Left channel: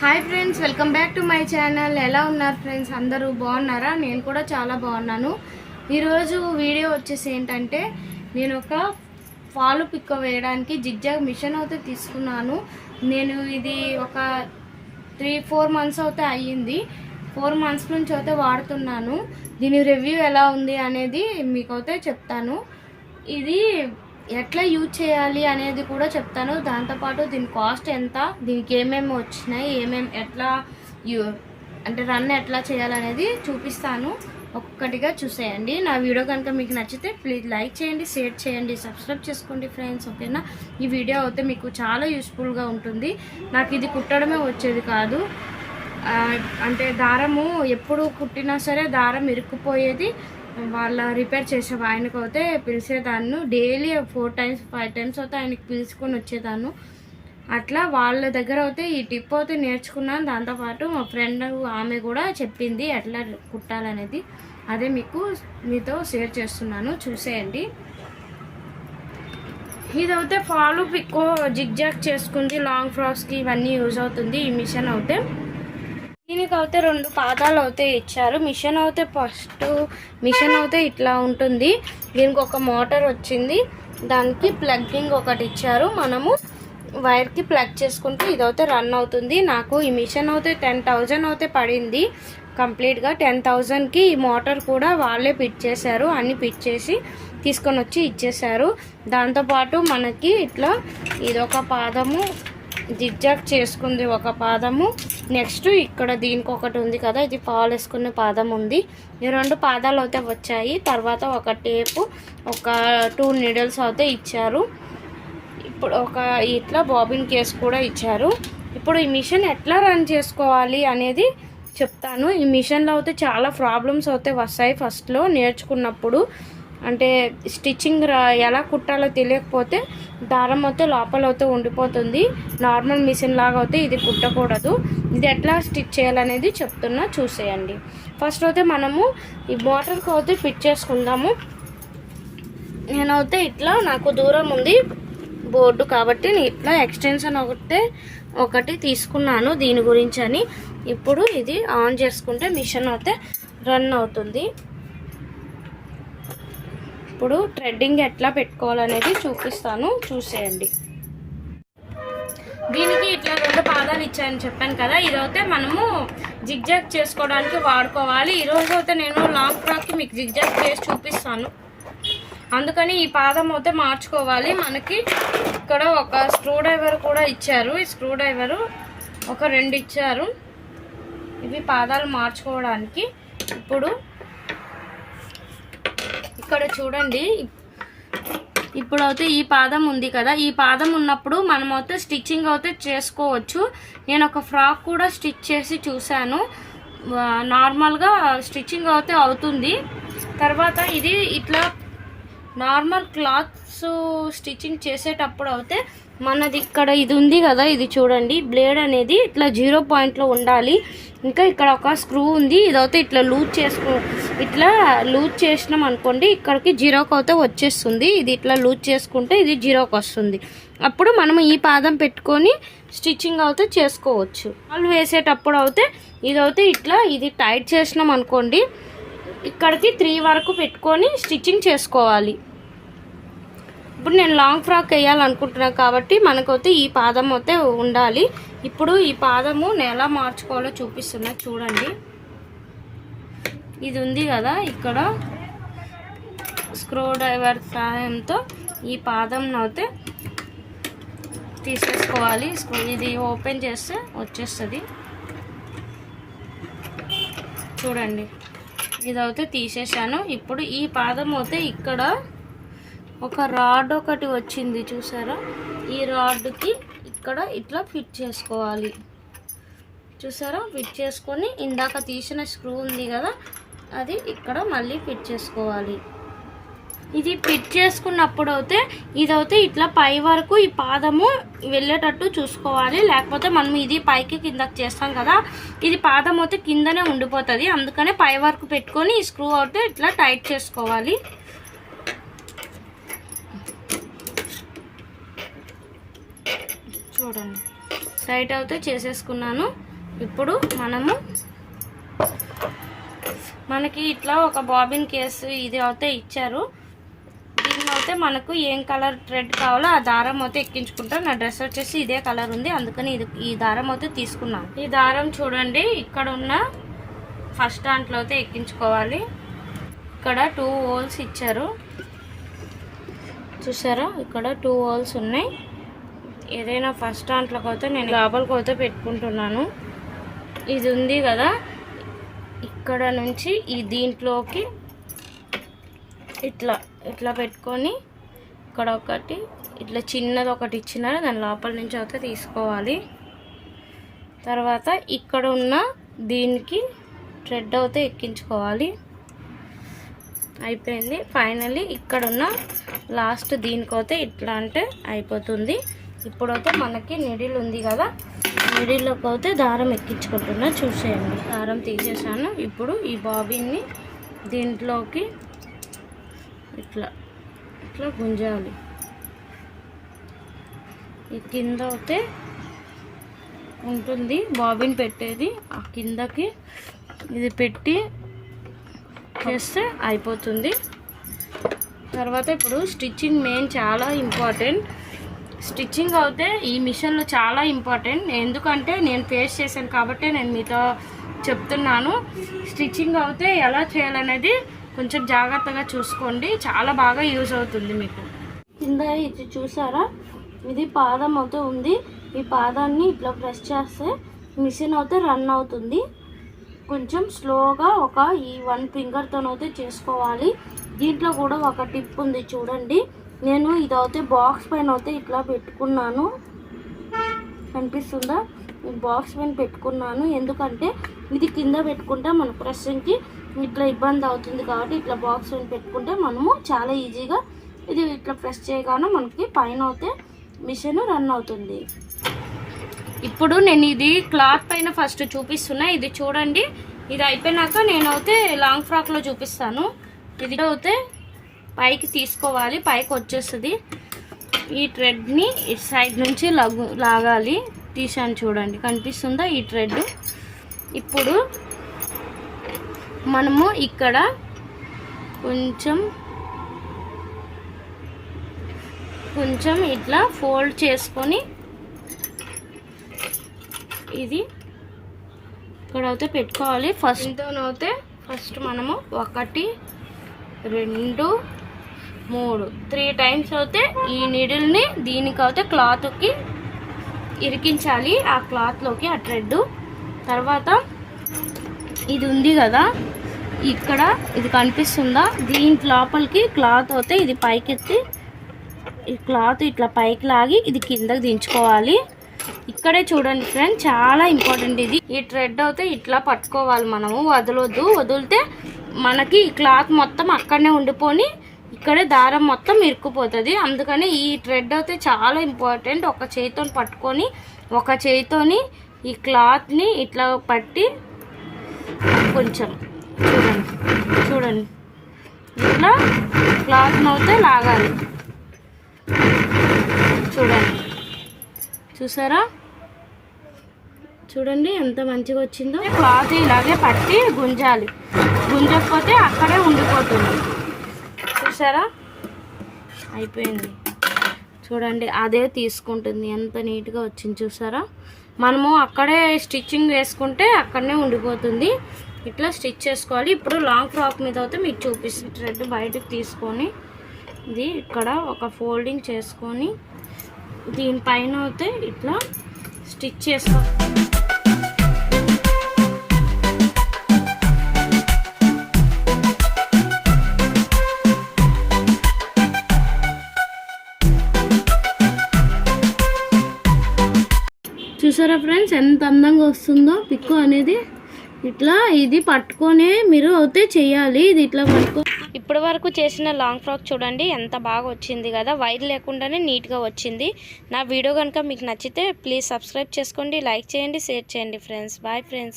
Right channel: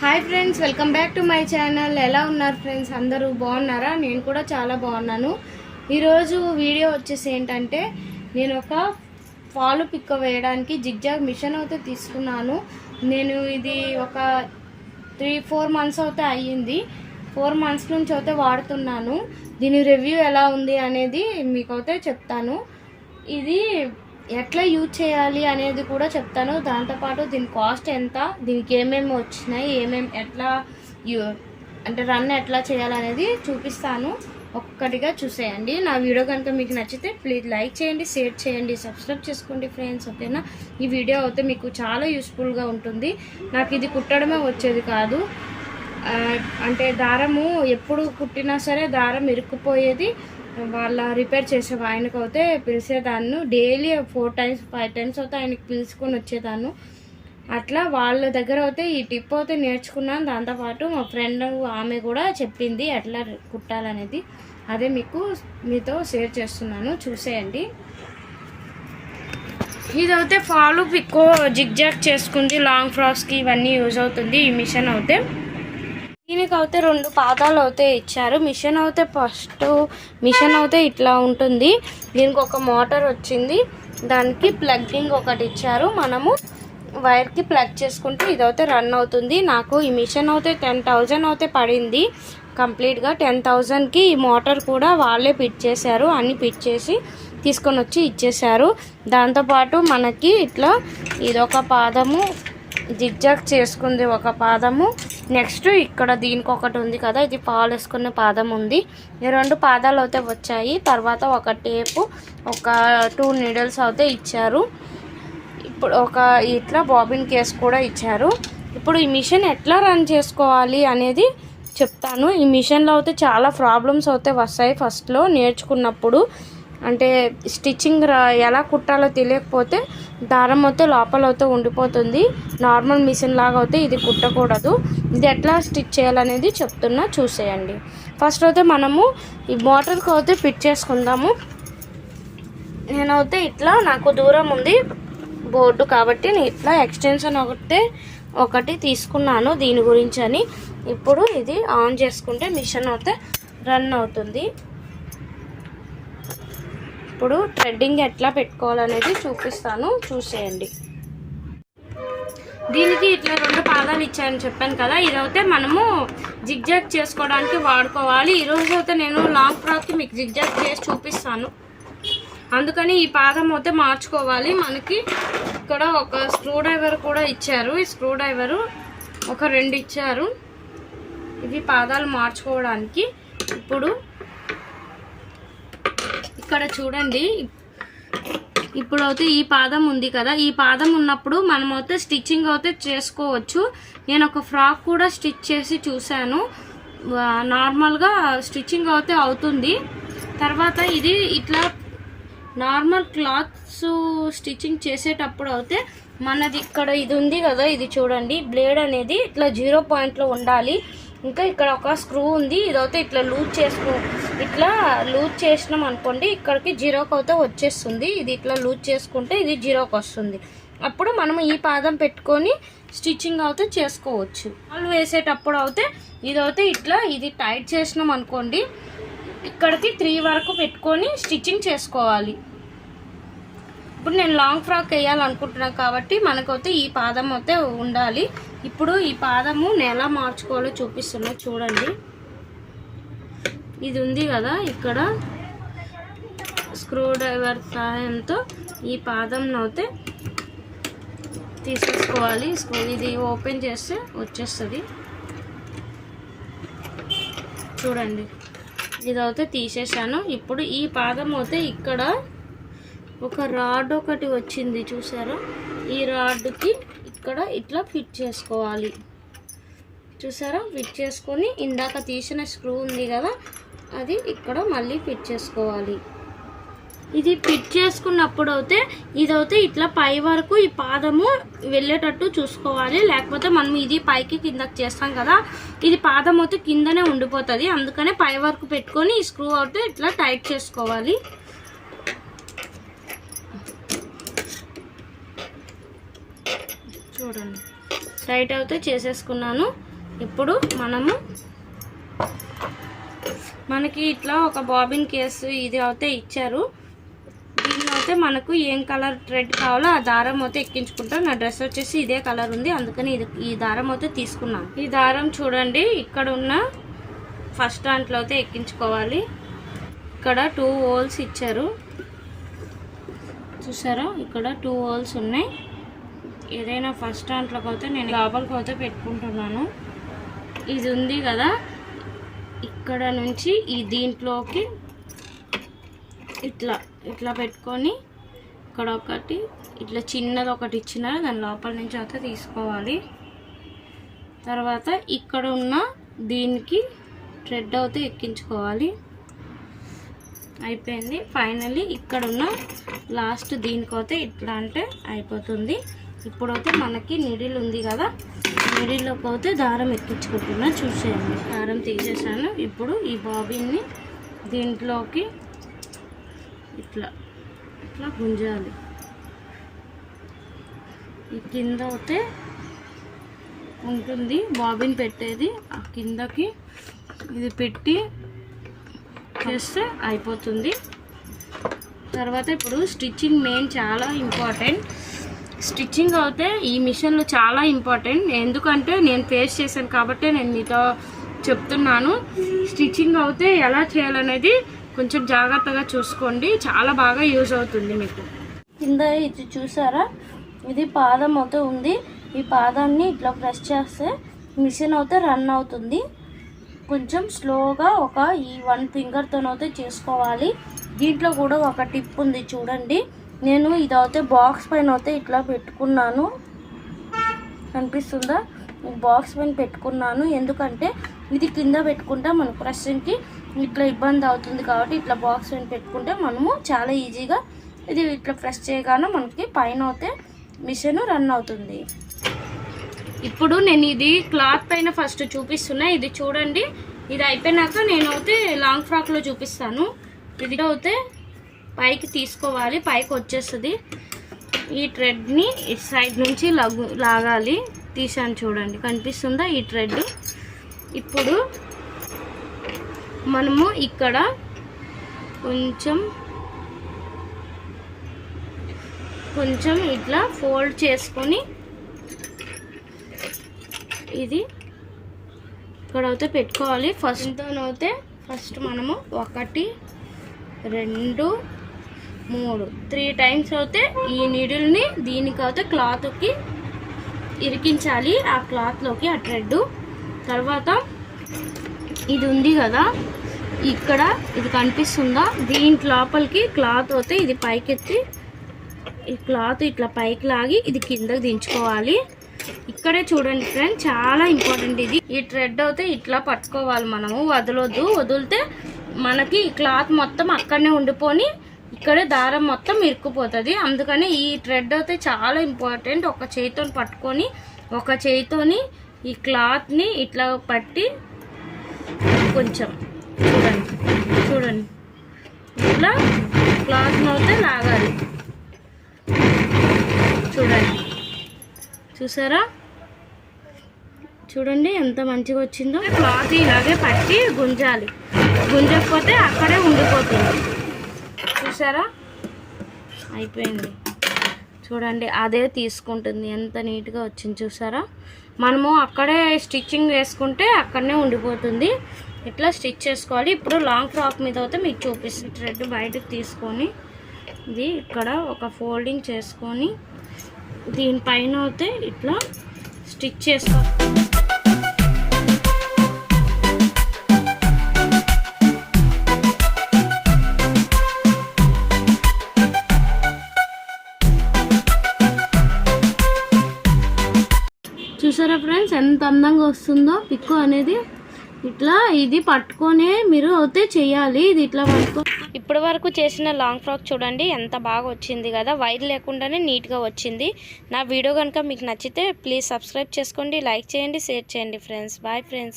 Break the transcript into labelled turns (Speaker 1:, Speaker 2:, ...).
Speaker 1: Hi friends welcome back to my channel. ఎలా ఉన్నారు friends? అందరూ బాగున్నారా? నేను కూడా చాలా బాగున్నాను. ఈరోజు వీడియో వచ్చేసి ఏంటంటే నేను ఒక ఫాలు పిక్క వేయడానికి జిగ్జాగ్ మిషన్ అయితే తీసుకున్నాను. నేను ఇది ఒక త్రీ ఫోర్ మంత్స్ అయితే అయ్యింది. ఫోర్ మంత్స్ నుంచి అయితే వాడుతున్నాను. దీని రివ్యూ ఎలా ఉంది అనేది మీకైతే చెప్తాను. ఇది ఎట్లా యూజ్ చేయాలి అనేది కూడా చెప్తాను. దాంతోపాటు దీని కాస్ట్ ఎంత దీనికి ఏమేమి వచ్చినాయి ఏమేమి ఎట్లా యూ అంటే రన్ ఎట్లా చేయాలనేది చూపిస్తాను. ఒక్కటిగా చూసేయండి. నా వీడియో కనుక మీకు నచ్చితే ప్లీజ్ లైక్ చేయండి షేర్ చేయండి సబ్స్క్రైబ్ చేసుకోండి ఫ్రెండ్స్ ఓకేనా? ఈ వీడియో అయితే మీకు చాలా యూస్ఫుల్గా ఉంటుంది. నాకు ఇది కుట్టడమే వచ్చేది కాదు. అంటే దారము ఎప్పుడు కుట్టినా సరే దారం ఇరుక్కుపోయేది. వాళ్ళ రిపేర్ చేసే ఆయనకు అయితే పిలిచేదాన్ని. Daily four times five times అయితే ఆయనకి పిలుచుకొని వచ్చేదాన్ని. అట్లా వాళ్ళ దగ్గర అయితే ఈ టిప్ అయితే నేర్చుకున్నాను. దాంతోపాటు మా ఫ్రెండ్ ఆమె కూడా చెప్పింది ఎట్లా కుట్టాలనేది. అదే మీకు మీతో షేర్ చేస్తున్నాను. చూసేయండి. ఇదైతే ఫాలు పిక్కో జిగ్జాగ్ చేసుకుంది. లాంగ్ ఫ్రాక్స్కి ఇవన్నీ యూజ్ అవుతుంది. ఈ మిషన్ అయితే. దీనికి అయితే రెండు పాదాలు అయితే ఇచ్చారు. మిషన్ అయితే ఫస్ట్ మిషన్ అయితే ఇట్లా ఉంటుంది. దీనికి ఒక మోటార్ వచ్చింది. దానికి ప్లగ్గింగ్ ఒకటి ఇచ్చారు. మనము వైర్కి ప్లగ్ చేసుకుంటే ఇదైతే రన్ అవుతుంది. నాకు ఈ మిషన్ అయితే టెన్ థౌజండ్ అయితే పడింది. కంప్లీట్గా టెన్ థౌజండ్కి ఈ మోటార్ కూడా వాళ్ళే పిట్ చేశారు. అన్ని పిట్ చేసి తీసుకొని వచ్చి ఇచ్చేశారు. దాంతోపాటు మనకి ఇట్లా ఇదొక పాదము జిగ్జాగ్ చేసుకుంది ఒక పాదము. నెక్స్ట్ ఇక్కడ దీనికి ఒకటి ఉంది కదా ఇది పాలు వేసుకునే పాదం ఉంది. ఈ రెండు పాదాలు అయితే వచ్చాయి. తర్వాత ఒక టేపు ఒక టూ నీడిల్స్ అయితే ఇచ్చారు. ఇప్పుడు ఒక ఇట్లా బాబిన్ కేస్ కూడా ఇచ్చారు. ఇప్పుడు ఈ మిషన్ ఎట్లా రన్ చేసుకోవాలి అనేది చెప్తాను. ఈ మిషన్లో అయితే చాలా ప్రాబ్లమ్స్ అయితే వస్తాయి ఫస్ట్లో నేర్చుకున్నప్పుడు. అంటే స్టిచ్చింగ్ ఎలా కుట్టాలో తెలియకపోతే దారం అయితే లోపల అయితే ఉండిపోతుంది. నార్మల్ మిషన్ లాగా అయితే ఇది కుట్టకూడదు. ఇది ఎట్లా స్టిచ్ చేయాలనేది చెప్తున్నా చూసేయండి. ఫస్ట్ అయితే మనము ఈ బాటిల్కి అయితే ఫిట్ చేసుకుందాము. నేనైతే ఇట్లా నాకు దూరం ఉంది బోర్డు కాబట్టి నేను ఇట్లా ఎక్స్టెన్షన్ ఒకటే ఒకటి తీసుకున్నాను దీని గురించి అని. ఇప్పుడు ఇది ఆన్ చేసుకుంటే మిషన్ అయితే రన్ అవుతుంది. ఇప్పుడు థ్రెడ్డింగ్ ఎట్లా పెట్టుకోవాలనేది చూపిస్తాను. చూసేయండి. దీనికి ఇట్లా రెండు పాదాలు ఇచ్చాయని చెప్పాను కదా. ఇదైతే మనము జిగ్జాగ్ చేసుకోవడానికి వాడుకోవాలి. ఈరోజు అయితే నేను లాంగ్ ఫ్రాక్కి మీకు జిగ్జాగ్ చేసి చూపిస్తాను. అందుకని ఈ పాదం అయితే మార్చుకోవాలి. మనకి ఇక్కడ ఒక స్క్రూ డ్రైవర్ కూడా ఇచ్చారు. ఈ స్క్రూ డ్రైవరు ఒక రెండు ఇచ్చారు. ఇవి పాదాలు మార్చుకోవడానికి. ఇప్పుడు ఇక్కడ చూడండి. ఇప్పుడు అయితే ఈ పాదం ఉంది కదా. ఈ పాదం ఉన్నప్పుడు మనం అయితే స్టిచ్చింగ్ అయితే చేసుకోవచ్చు. నేను ఒక ఫ్రాక్ కూడా స్టిచ్ చేసి చూశాను. నార్మల్గా స్టిచ్చింగ్ అయితే అవుతుంది. తర్వాత ఇది ఇట్లా నార్మల్ క్లాత్స్ స్టిచ్చింగ్ చేసేటప్పుడు అయితే మనది ఇక్కడ ఇది ఉంది కదా. ఇది చూడండి. బ్లేడ్ అనేది ఇట్లా జీరో పాయింట్లో ఉండాలి. ఇంకా ఇక్కడ ఒక స్క్రూ ఉంది. ఇదైతే ఇట్లా లూజ్ చేసుకో ఇట్లా లూజ్ చేసినాం అనుకోండి ఇక్కడికి జీరోకి అయితే వచ్చేస్తుంది. ఇది ఇట్లా లూజ్ చేసుకుంటే ఇది జీరోకి వస్తుంది అప్పుడు మనం ఈ పాదం పెట్టుకొని స్టిచ్చింగ్ అయితే చేసుకోవచ్చు. వాళ్ళు వేసేటప్పుడు అయితే ఇదైతే ఇట్లా ఇది టైట్ చేసినాం అనుకోండి ఇక్కడికి త్రీ వరకు పెట్టుకొని స్టిచ్చింగ్ చేసుకోవాలి. ఇప్పుడు నేను లాంగ్ ఫ్రాక్ వేయాలనుకుంటున్నాను కాబట్టి మనకైతే ఈ పాదం అయితే ఉండాలి. ఇప్పుడు ఈ పాదము నేను ఎలా మార్చుకోవాలో చూపిస్తున్నా చూడండి. ఇది ఉంది కదా ఇక్కడ స్క్రూ డ్రైవర్ సహాయంతో ఈ పాదంను అయితే తీసేసుకోవాలి. స్క్రూ ఇది ఓపెన్ చేస్తే వచ్చేస్తుంది. చూడండి. ఇదైతే తీసేసాను. ఇప్పుడు ఈ పాదం అయితే ఇక్కడ ఒక రాడ్ ఒకటి వచ్చింది చూసారా? ఈ రాడ్కి ఇక్కడ ఇట్లా ఫిట్ చేసుకోవాలి. చూసారా? ఫిట్ చేసుకొని ఇందాక తీసిన స్క్రూ ఉంది కదా అది ఇక్కడ మళ్ళీ ఫిట్ చేసుకోవాలి. ఇది ఫిట్ చేసుకున్నప్పుడు అయితే ఇదైతే ఇట్లా పై వరకు ఈ పాదము వెళ్ళేటట్టు చూసుకోవాలి. లేకపోతే మనం ఇది పైకి కిందకి చేస్తాం కదా ఇది పాదం అయితే కిందనే ఉండిపోతుంది. అందుకనే పై వరకు పెట్టుకొని ఈ స్క్రూ అయితే ఇట్లా టైట్ చేసుకోవాలి. చూడండి. టైట్ అయితే చేసేసుకున్నాను. ఇప్పుడు మనము మనకి ఇట్లా ఒక బాబిన్ కేసు ఇది అయితే ఇచ్చారు. దీనిలో అయితే మనకు ఏం కలర్ థ్రెడ్ కావాలో ఆ దారం అయితే ఎక్కించుకుంటాం. నా డ్రెస్ వచ్చేసి ఇదే కలర్ ఉంది. అందుకని ఇది ఈ దారం అయితే తీసుకున్నాను. ఈ దారం చూడండి ఇక్కడ ఉన్న ఫస్ట్ దాంట్లో అయితే ఎక్కించుకోవాలి. ఇక్కడ టూ హోల్స్ ఇచ్చారు. చూసారా? ఇక్కడ టూ హోల్స్ ఉన్నాయి. ఏదైనా ఫస్ట్ దాంట్లోకి అయితే నేను గాబలకు అయితే పెట్టుకుంటున్నాను. ఇది ఉంది కదా ఇక్కడ నుంచి ఈ దీంట్లోకి ఇట్లా ఇట్లా పెట్టుకొని ఇక్కడ ఒకటి ఇట్లా చిన్నది ఒకటి ఇచ్చినారు దాని లోపల నుంచి అయితే తీసుకోవాలి. తర్వాత ఇక్కడ ఉన్న దీనికి థ్రెడ్ అయితే ఎక్కించుకోవాలి. అయిపోయింది. ఫైనల్లీ ఇక్కడ ఉన్న లాస్ట్ దీనికైతే ఇట్లా అంటే అయిపోతుంది. ఇప్పుడైతే మనకి నిడిల్ ఉంది కదా. నిడిల్లో అయితే దారం ఎక్కించుకుంటున్నా. చూసేయండి. దారం తీసేసాను. ఇప్పుడు ఈ బాబీని దీంట్లోకి ఇట్లా ఇట్లా గుంజాలి. ఈ కింద అయితే ఉంటుంది బాబిన్ పెట్టేది. ఆ కిందకి ఇది పెట్టి చేస్తే అయిపోతుంది. తర్వాత ఇప్పుడు స్టిచ్చింగ్ మెయిన్ చాలా ఇంపార్టెంట్. స్టిచ్చింగ్ అయితే ఈ మిషన్లో చాలా ఇంపార్టెంట్. ఎందుకంటే నేను ఫేస్ చేశాను కాబట్టి నేను మీతో చెప్తున్నాను. స్టిచ్చింగ్ అయితే ఎలా చేయాలనేది కొంచెం జాగ్రత్తగా చూసుకోండి. చాలా బాగా యూజ్ అవుతుంది మీకు. కింద ఇది చూసారా? ఇది పాదం అయితే ఉంది. ఈ పాదాన్ని ఇట్లా ప్రెస్ చేస్తే మిషన్ అయితే రన్ అవుతుంది. కొంచెం స్లోగా ఒక ఈ వన్ ఫింగర్తోనైతే చేసుకోవాలి. దీంట్లో కూడా ఒక టిప్ ఉంది చూడండి. నేను ఇదైతే బాక్స్ పైన అయితే ఇట్లా పెట్టుకున్నాను. కనిపిస్తుందా? బాక్స్ పైన పెట్టుకున్నాను. ఎందుకంటే ఇది కింద పెట్టుకుంటే మన ప్రశ్నకి ఇట్లా ఇబ్బంది అవుతుంది కాబట్టి ఇట్లా బాక్స్ పైన పెట్టుకుంటే మనము చాలా ఈజీగా ఇది ఇట్లా ప్రెస్ చేయగానే మనకి పైన అయితే మిషన్ రన్ అవుతుంది. ఇప్పుడు నేను ఇది క్లాత్ పైన ఫస్ట్ చూపిస్తున్నా. ఇది చూడండి. ఇది అయిపోయినాక నేనైతే లాంగ్ ఫ్రాక్లో చూపిస్తాను. ఇది అయితే పైకి తీసుకోవాలి పైకి వచ్చేస్తుంది. ఈ థ్రెడ్ని ఈ సైడ్ నుంచి లగు లాగాలి. తీసాను చూడండి కనిపిస్తుందా ఈ థ్రెడ్ ఇప్పుడు మనము ఇక్కడ కొంచెం కొంచెం ఇట్లా ఫోల్డ్ చేసుకొని ఇది ఇక్కడ అయితే పెట్టుకోవాలి. ఫస్ట్ అయితే ఫస్ట్ మనము ఒకటి రెండు మూడు. త్రీ టైమ్స్ అయితే ఈ నీడిల్ని దీనికి అయితే క్లాత్కి ఇరికించాలి. ఆ క్లాత్లోకి ఆ థ్రెడ్ తర్వాత ఇది ఉంది కదా. ఇక్కడ ఇది కనిపిస్తుందా? దీని లోపలికి క్లాత్ అయితే ఇది పైకెత్తి ఈ క్లాత్ ఇట్లా పైకి లాగి ఇది కిందకి దించుకోవాలి. ఇక్కడే చూడండి ఫ్రెండ్ చాలా ఇంపార్టెంట్ ఇది. ఈ థ్రెడ్ అయితే ఇట్లా పట్టుకోవాలి మనము. వదలొద్దు. వదిలితే మనకి క్లాత్ మొత్తం అక్కడనే ఉండిపోని ఇక్కడే దారం మొత్తం ఇరుక్కుపోతుంది. అందుకని ఈ థ్రెడ్ అయితే చాలా ఇంపార్టెంట్ ఒక చేతితో పట్టుకొని ఒక చేతితోని ఈ క్లాత్ని ఇట్లా పట్టి కొంచెం చూడండి చూడండి. ఇట్లా క్లాత్ అయితే లాగాలి చూడండి. చూసారా? చూడండి ఎంత మంచిగా వచ్చిందో. క్లాత్ ఇలాగే పట్టి గుంజాలి. గుంజకపోతే అక్కడే ఉండిపోతుంది. చూసారా? అయిపోయింది. చూడండి అదే తీసుకుంటుంది. ఎంత నీట్గా వచ్చింది చూసారా? మనము అక్కడే స్టిచ్చింగ్ వేసుకుంటే అక్కడనే ఉండిపోతుంది. ఇట్లా స్టిచ్ చేసుకోవాలి. ఇప్పుడు లాంగ్ ఫ్రాక్ మీద అయితే మీకు చూపిస్తుంది థ్రెడ్ బయటకు తీసుకొని ఇది ఇక్కడ ఒక ఫోల్డింగ్ చేసుకొని దీనిపైన అయితే ఇట్లా స్టిచ్ చేసుకో చూసారా ఫ్రెండ్స్? ఎంత అందంగా వస్తుందో? పిక్కు అనేది ఇట్లా ఇది పట్టుకొనే మీరు అయితే చేయాలి. ఇది ఇట్లా పట్టుకో. ఇప్పటి వరకు చేసిన లాంగ్ ఫ్రాక్ చూడండి ఎంత బాగా వచ్చింది కదా. వైర్ లేకుండానే నీట్గా వచ్చింది. నా వీడియో కనుక మీకు నచ్చితే ప్లీజ్ సబ్స్క్రైబ్ చేసుకోండి లైక్ చేయండి షేర్ చేయండి ఫ్రెండ్స్. Bye friends.